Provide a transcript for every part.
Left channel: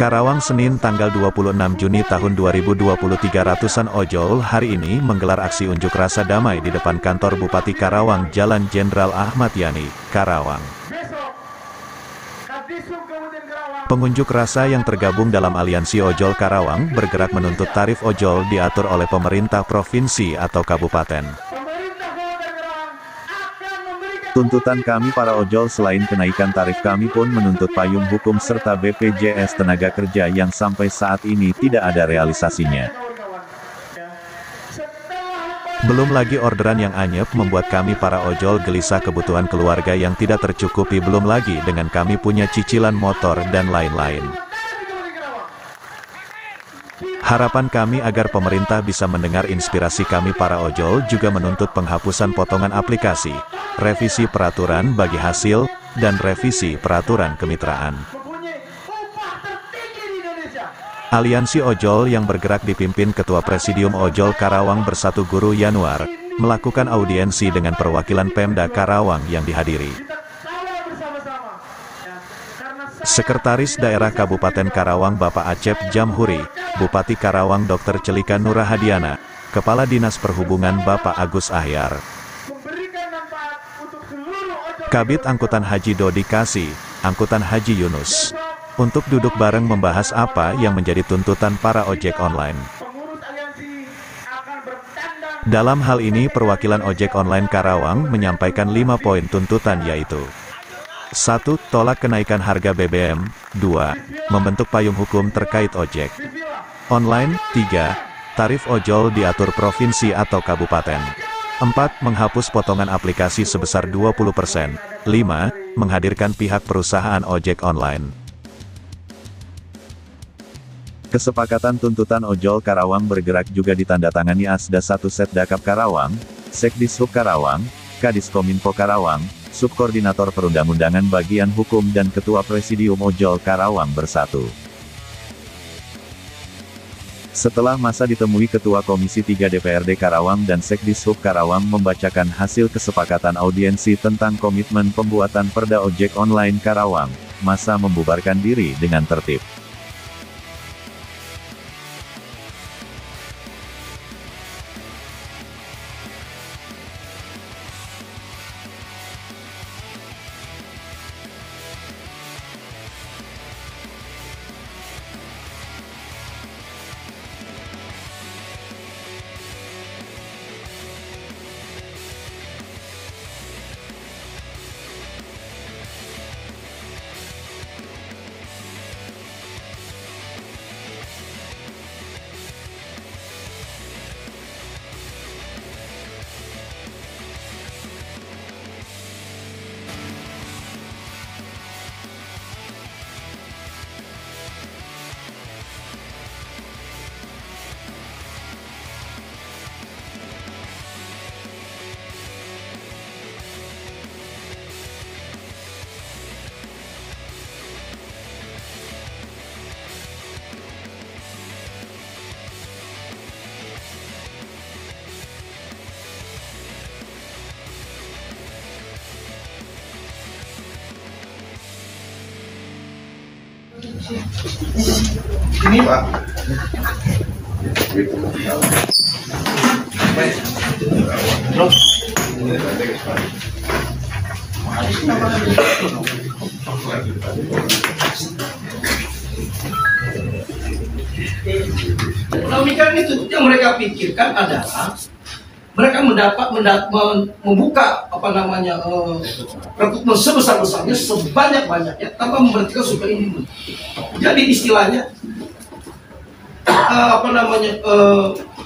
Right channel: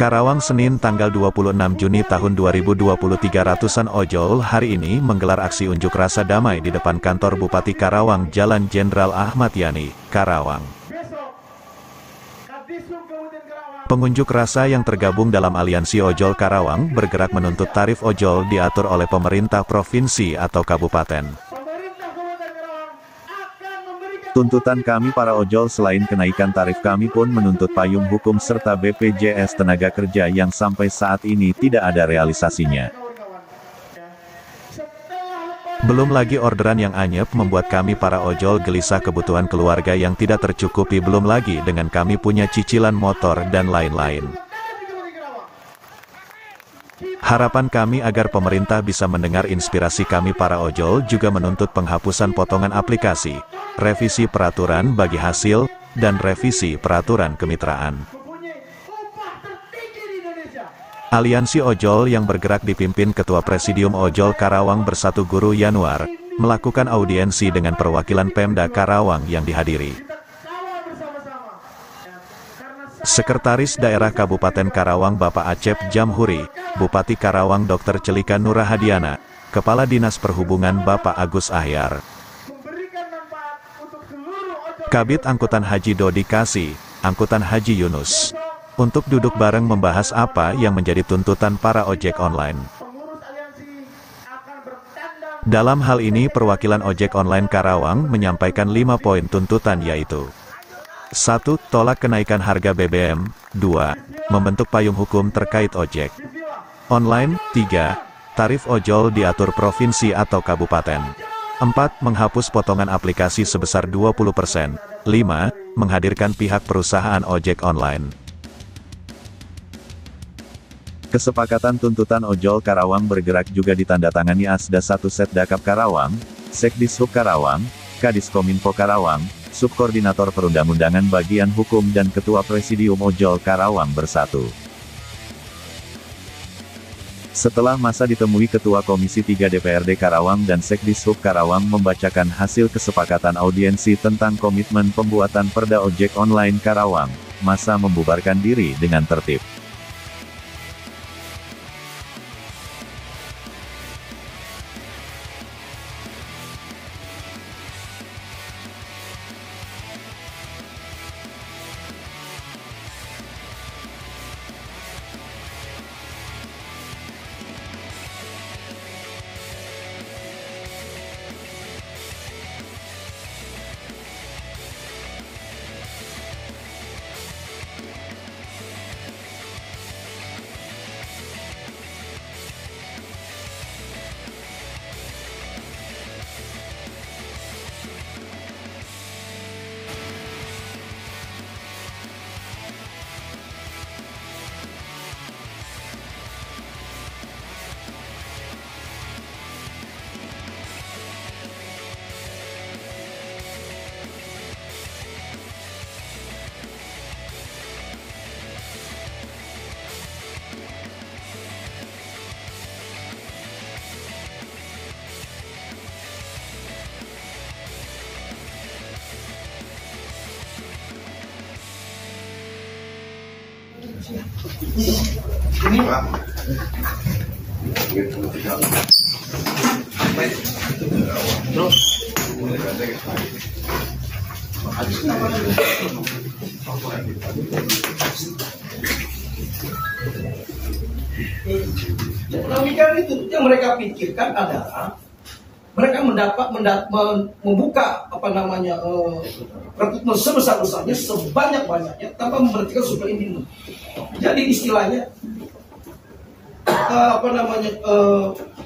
Karawang, Senin tanggal 26 Juni tahun 2023. Ratusan ojol hari ini menggelar aksi unjuk rasa damai di depan kantor Bupati Karawang, Jalan Jenderal Ahmad Yani, Karawang. Pengunjuk rasa yang tergabung dalam Aliansi Ojol Karawang bergerak menuntut tarif ojol diatur oleh pemerintah provinsi atau kabupaten. Tuntutan kami para ojol selain kenaikan tarif, kami pun menuntut payung hukum serta BPJS tenaga kerja yang sampai saat ini tidak ada realisasinya. Belum lagi orderan yang anyep membuat kami para ojol gelisah, kebutuhan keluarga yang tidak tercukupi, belum lagi dengan kami punya cicilan motor dan lain-lain. Harapan kami agar pemerintah bisa mendengar inspirasi kami para ojol, juga menuntut penghapusan potongan aplikasi, revisi peraturan bagi hasil, dan revisi peraturan kemitraan. Aliansi Ojol yang bergerak dipimpin Ketua Presidium Ojol Karawang Bersatu Guru Yanuar, melakukan audiensi dengan perwakilan Pemda Karawang yang dihadiri. Sekretaris Daerah Kabupaten Karawang Bapak Acep Jamhuri, Bupati Karawang Dr. Celika Nurahadiana, Kepala Dinas Perhubungan Bapak Agus Ahyar, Kabid Angkutan Haji Dodi Kasih, Angkutan Haji Yunus, untuk duduk bareng membahas apa yang menjadi tuntutan para ojek online. Dalam hal ini perwakilan ojek online Karawang menyampaikan 5 poin tuntutan, yaitu 1. Tolak kenaikan harga BBM. 2. Membentuk payung hukum terkait ojek online. 3. Tarif ojol diatur provinsi atau kabupaten. 4. Menghapus potongan aplikasi sebesar 20%. 5. Menghadirkan pihak perusahaan ojek online. Kesepakatan tuntutan ojol Karawang bergerak juga ditandatangani Asda 1 Setdakap Karawang, Sekdishub Karawang, Kadiskominfo Karawang, Subkoordinator Perundang-undangan Bagian Hukum dan Ketua Presidium Ojol Karawang Bersatu. Setelah masa ditemui Ketua Komisi 3 DPRD Karawang dan Sekdishub Karawang membacakan hasil kesepakatan audiensi tentang komitmen pembuatan Perda Ojek Online Karawang, masa membubarkan diri dengan tertib. Ini Pak. Pemikiran itu yang mereka pikirkan adalah mereka membuka rekrutmen sebesar-besarnya, sebanyak-banyaknya tanpa memperhatikan super ini. Jadi istilahnya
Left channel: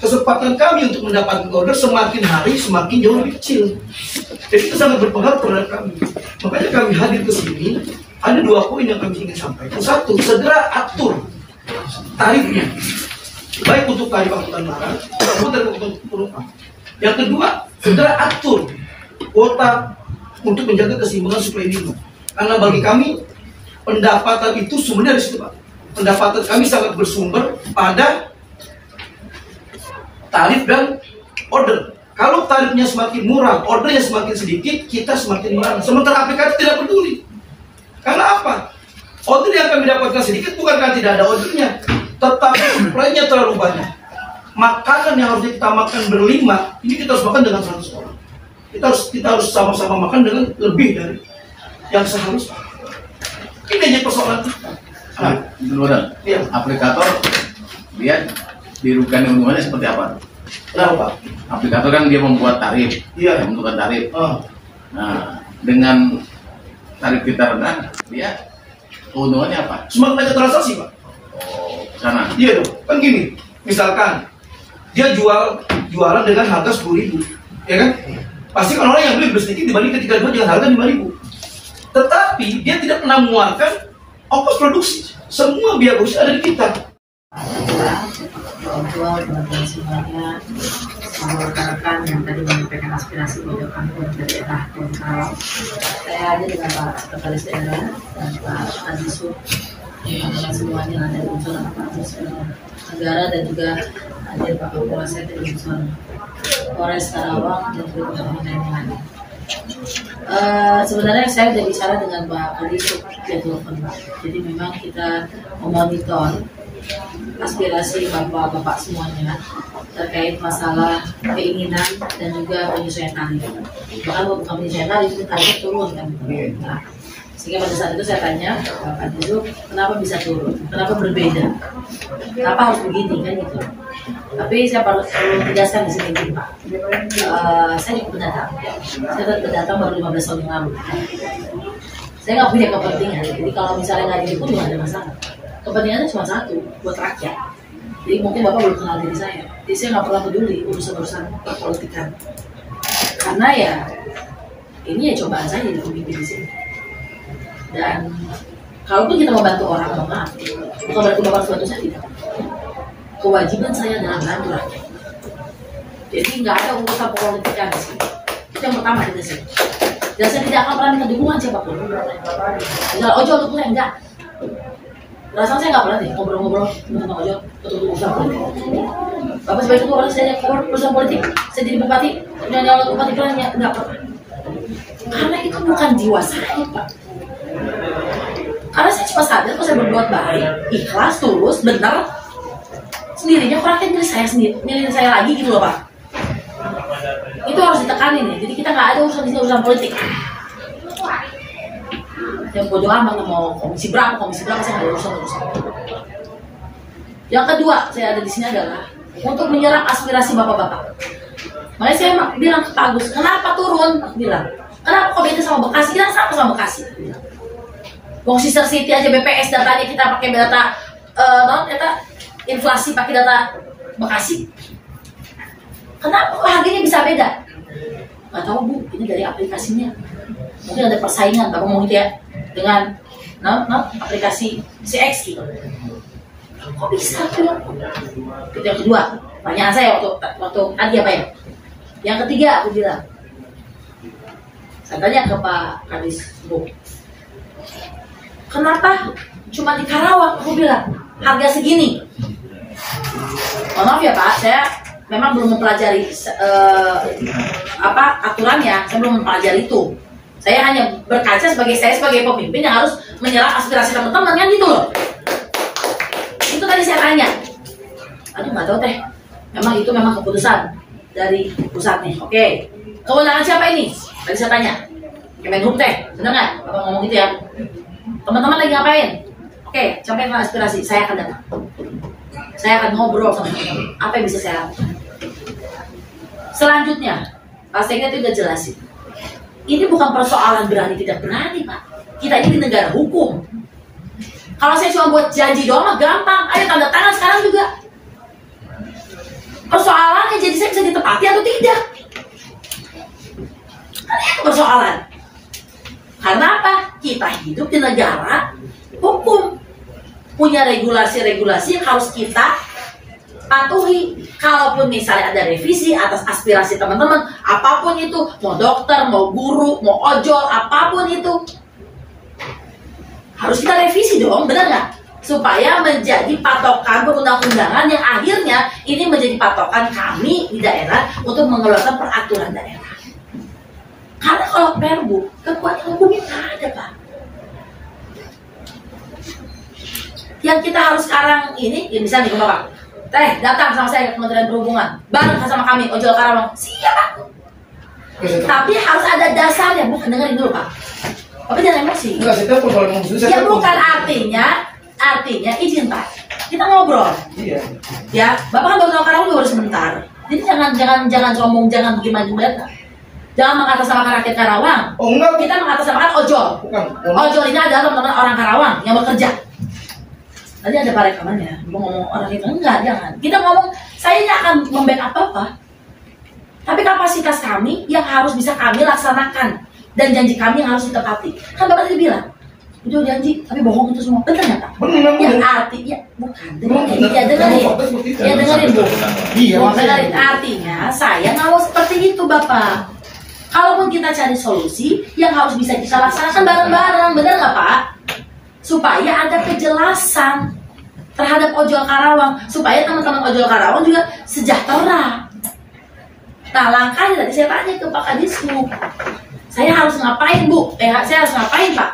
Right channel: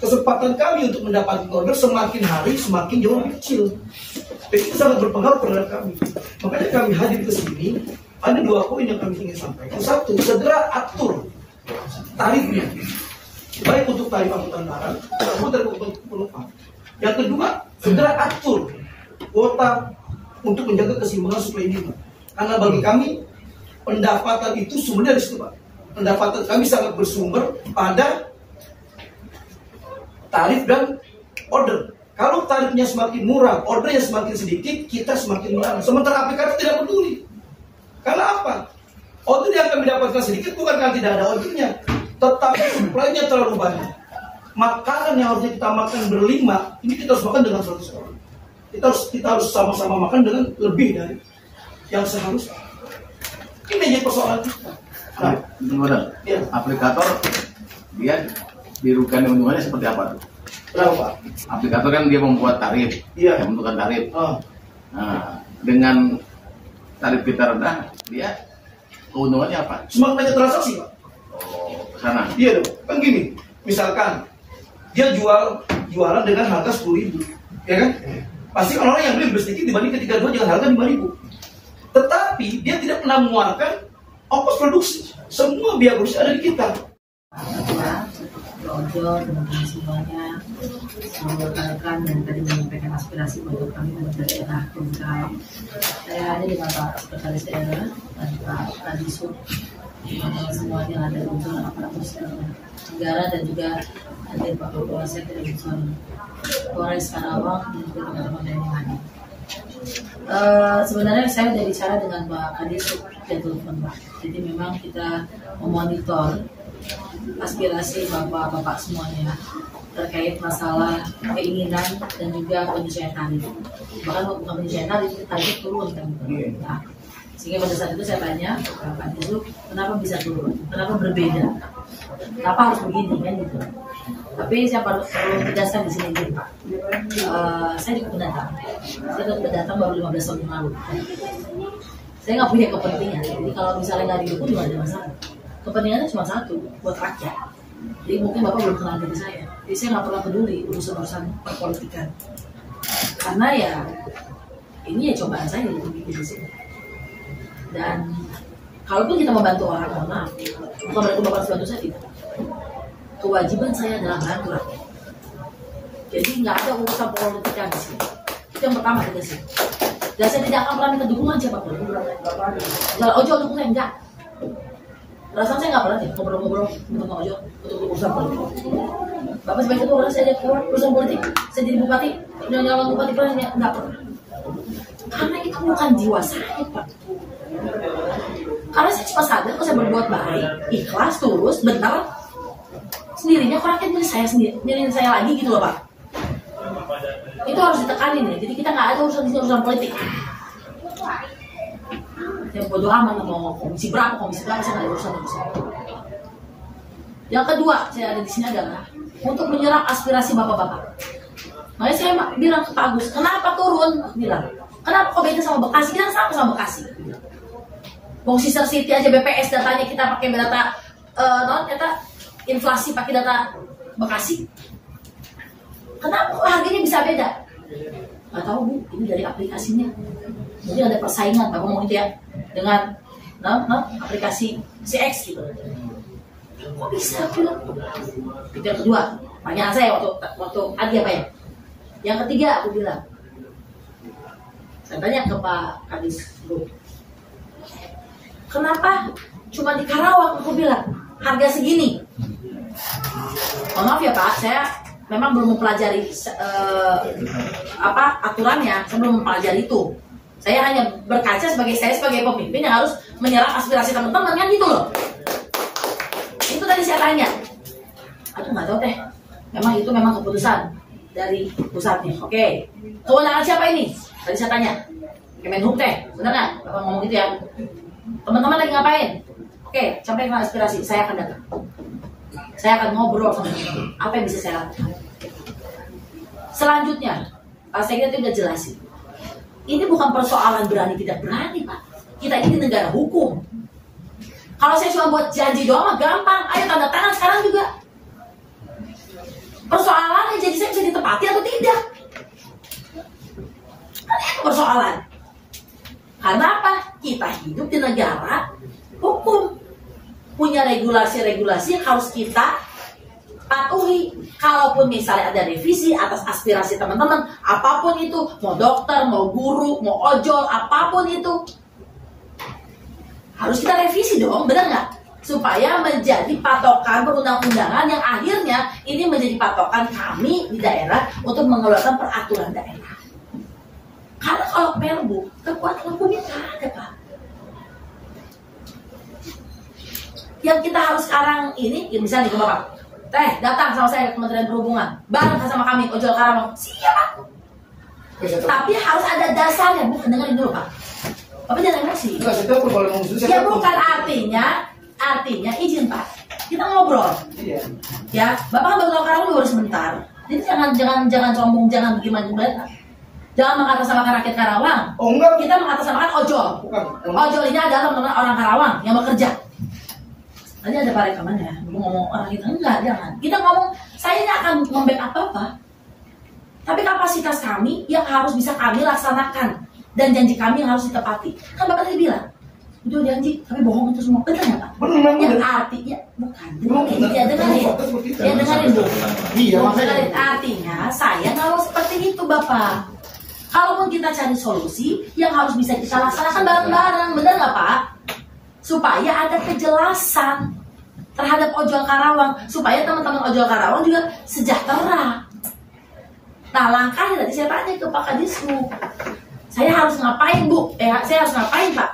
kesempatan kami untuk mendapatkan order semakin hari semakin jauh lebih kecil. Jadi itu sangat berpengaruh terhadap kami. Makanya kami hadir ke sini. Ada 2 poin yang kami ingin sampaikan. 1, segera atur tarifnya, baik untuk tarif angkutan barang maupun untuk penumpang. Yang kedua, segera atur kuota untuk menjaga keseimbangan supply and demand. Karena bagi kami pendapatan itu sumbernya dari situ, Pak. Pendapatan kami sangat bersumber pada tarif dan order. Kalau tarifnya semakin murah, ordernya semakin sedikit, kita semakin murah. Sementara aplikator tidak peduli. Karena apa? Order yang kami dapatkan sedikit bukan karena tidak ada ordernya, tetapi suplainya terlalu banyak. Makanan yang harusnya kita makan berlima, ini kita harus makan dengan 100 orang. Kita harus sama-sama makan dengan lebih dari yang seharusnya. Ini aja persoalan kita. Nah, benar. Iya. Aplikator dia dirugikan keuntungannya seperti apa? Kenapa? Aplikator kan dia membuat tarif, Iya. yang menentukan tarif. Ah. Nah, dengan tarif kita rendah, dia keuntungannya apa? Semakin banyak transaksi, Pak. Oh, sana. Iya dong. Kan gini, misalkan dia jualan dengan harga 10.000, ya kan? Pasti kan orang yang beli sedikit dibanding ketika jual dengan harga 5.000. Tetapi dia tidak pernah mengeluarkan ongkos produksi. Semua biaya produksi ada di kita. Ojol, teman-teman semuanya, sama rekan-rekan yang tadi menyampaikan aspirasi ojol kampung dari daerah Karawang. Saya hadir dengan Pak Sekretaris Daerah dan Pak Kadisub, teman-teman semuanya yang ada di unsur aparatus negara, dan juga hadir Pak Kapolsek dari unsur Polres Karawang dan juga teman-teman lain yang hadir. Sebenarnya saya sudah bicara dengan Pak Kadisub via telepon, Pak. Jadi memang kita memonitor aspirasi bapak-bapak semuanya terkait masalah keinginan dan juga penyesuaian tarif. Bahkan bukan penyesuaian tarif, itu tarif turun kan. Nah, sehingga pada saat itu saya tanya Pak Kadisub, kenapa bisa turun? Kenapa berbeda? Kenapa harus begini kan gitu? Tapi saya perlu tegaskan di sini Pak. Saya juga pendatang. Saya pendatang baru 15 tahun yang lalu. Saya nggak punya kepentingan. Jadi kalau misalnya nggak didukung juga ada masalah. Kepentingannya cuma satu, buat rakyat. Jadi mungkin Bapak belum kenal diri saya. Jadi saya nggak pernah peduli urusan-urusan perpolitikan. Karena ya ini ya cobaan saya jadi pemimpin di sini. Dan kalaupun kita membantu orang, mohon maaf, bukan berarti Bapak harus bantu saya, tidak. Kewajiban saya adalah membantu rakyat. Jadi nggak ada urusan perpolitikan di sini. Itu yang pertama kita sih. Dan saya tidak akan pernah minta dukungan siapapun. Misalnya ojol dukung saya, enggak. Rasanya saya nggak pernah deh ngobrol-ngobrol tentang ojol untuk urusan politik. Bapak sebagai ketua orang saya urusan politik, saya jadi bupati, nyala bupati kan nggak pernah. Karena itu bukan jiwa saya, Pak. Karena saya cuma sadar kalau saya berbuat baik, ikhlas, tulus, benar, sendirinya rakyat milih saya sendiri, milih saya lagi gitu loh, Pak. Itu harus ditekanin ya. Jadi kita nggak ada urusan di sini urusan politik. Yang bodo amat tuh mau komisi berapa saya nggak ada urusan. Yang kedua saya ada di sini adalah untuk menyerap aspirasi bapak-bapak. Makanya saya bilang ke Pak Agus, kenapa turun? Bilang, kenapa kok beda sama Bekasi? Kita sama Bekasi. Wong Sister City aja BPS datanya kita pakai data inflasi pakai data Bekasi. Kenapa harganya bisa beda? Nggak tahu Bu, ini dari aplikasinya. Mungkin ada persaingan, Bapak mau gitu ya, dengan aplikasi CX gitu. Kok bisa tuh? Itu yang kedua. Pertanyaan saya waktu tadi apa ya? Yang ketiga aku bilang, saya tanya ke Pak Kadisub, kenapa cuma di Karawang? Aku bilang harga segini. Maaf ya Pak, saya memang belum mempelajari aturannya, saya belum mempelajari itu. Saya hanya berkaca sebagai pemimpin yang harus menyerap aspirasi teman-teman kan gitu loh. Itu tadi saya tanya. Aduh nggak tahu teh. Itu memang keputusan dari pusatnya. Oke. Kewenangan siapa ini? Tadi saya tanya. Kemenhub teh, benar nggak? Bapak ngomong gitu ya. Teman-teman lagi ngapain? Oke, sampaikan aspirasi. Saya akan datang. Saya akan ngobrol sama teman-teman. Apa yang bisa saya lakukan? Selanjutnya, Pak Sekda itu udah jelasin. Ini bukan persoalan berani tidak berani, Pak. Kita ini di negara hukum. Kalau saya cuma buat janji doang mah gampang. Ayo tanda tangan sekarang juga. Persoalannya jadi saya bisa ditepati atau tidak. Karena itu persoalan. Karena apa? Kita hidup di negara hukum. Punya regulasi-regulasi yang harus kita patuhi. Kalaupun misalnya ada revisi atas aspirasi teman-teman, apapun itu, mau dokter, mau guru, mau ojol, apapun itu, harus kita revisi dong, benar nggak? Supaya menjadi patokan perundang-undangan yang akhirnya ini menjadi patokan kami di daerah untuk mengeluarkan peraturan daerah. Karena kalau perbu, kekuatan hukumnya nggak ada, Pak. Yang kita harus sekarang ini, ya misalnya nih Bapak, Teh datang sama saya ke Kementerian Perhubungan, bareng sama kami ojol Karawang, siap Pak. Tapi harus ada dasarnya, bukan dengerin dulu Pak. Bapak jangan emosi. Enggak, saya telepon kalau ngomong susah. Ya bukan artinya izin Pak. Kita ngobrol. Iya. Ya, Bapak kan baru tahu Karawang baru sebentar. Jadi jangan sombong, jangan gimana. Jangan mengatasnamakan rakyat Karawang. Oh enggak. Kita mengatasnamakan ojol. Bukan. Ojol ini adalah teman-teman orang Karawang yang bekerja. Tadi ada Pak rekamannya, mau ngomong orang itu enggak, jangan. Kita ngomong, saya ini akan membackup Bapak. Tapi kapasitas kami yang harus bisa kami laksanakan dan janji kami yang harus ditepati. Kan Bapak tadi bilang, itu janji, tapi bohong itu semua. Betul nggak Pak? Benar. Yang artinya bukan. Dengerin. Ya dengerin Bu. Iya. Dengerin. Artinya saya nggak mau seperti itu Bapak. Kalaupun kita cari solusi yang harus bisa kita laksanakan bareng-bareng, benar nggak Pak? Supaya ada kejelasan terhadap ojol Karawang, supaya teman-teman ojol Karawang juga sejahtera. Nah langkahnya tadi saya tanya ke Pak Kadismu, saya harus ngapain Bu? Saya harus ngapain Pak?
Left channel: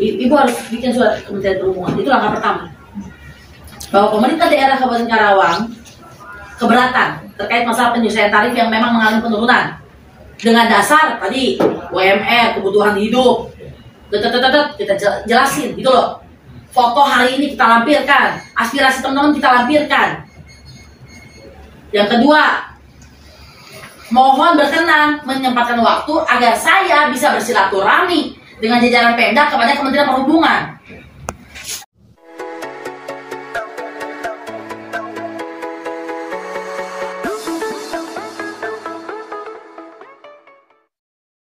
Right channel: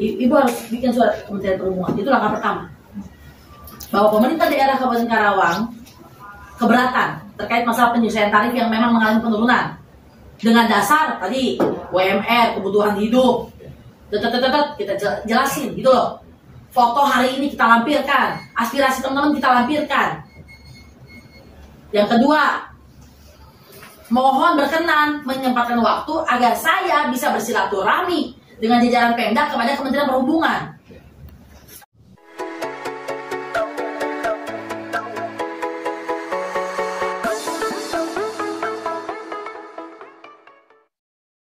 Ibu harus bikin surat Kementerian Perhubungan, itu langkah pertama. Bahwa pemerintah daerah Kabupaten Karawang keberatan terkait masalah penyesuaian tarif yang memang mengalami penurunan dengan dasar tadi UMR, kebutuhan hidup, kita jelasin gitu loh. Foto hari ini kita lampirkan, aspirasi teman-teman kita lampirkan. Yang kedua, mohon berkenan menyempatkan waktu agar saya bisa bersilaturahmi dengan jajaran Pemda kepada Kementerian Perhubungan.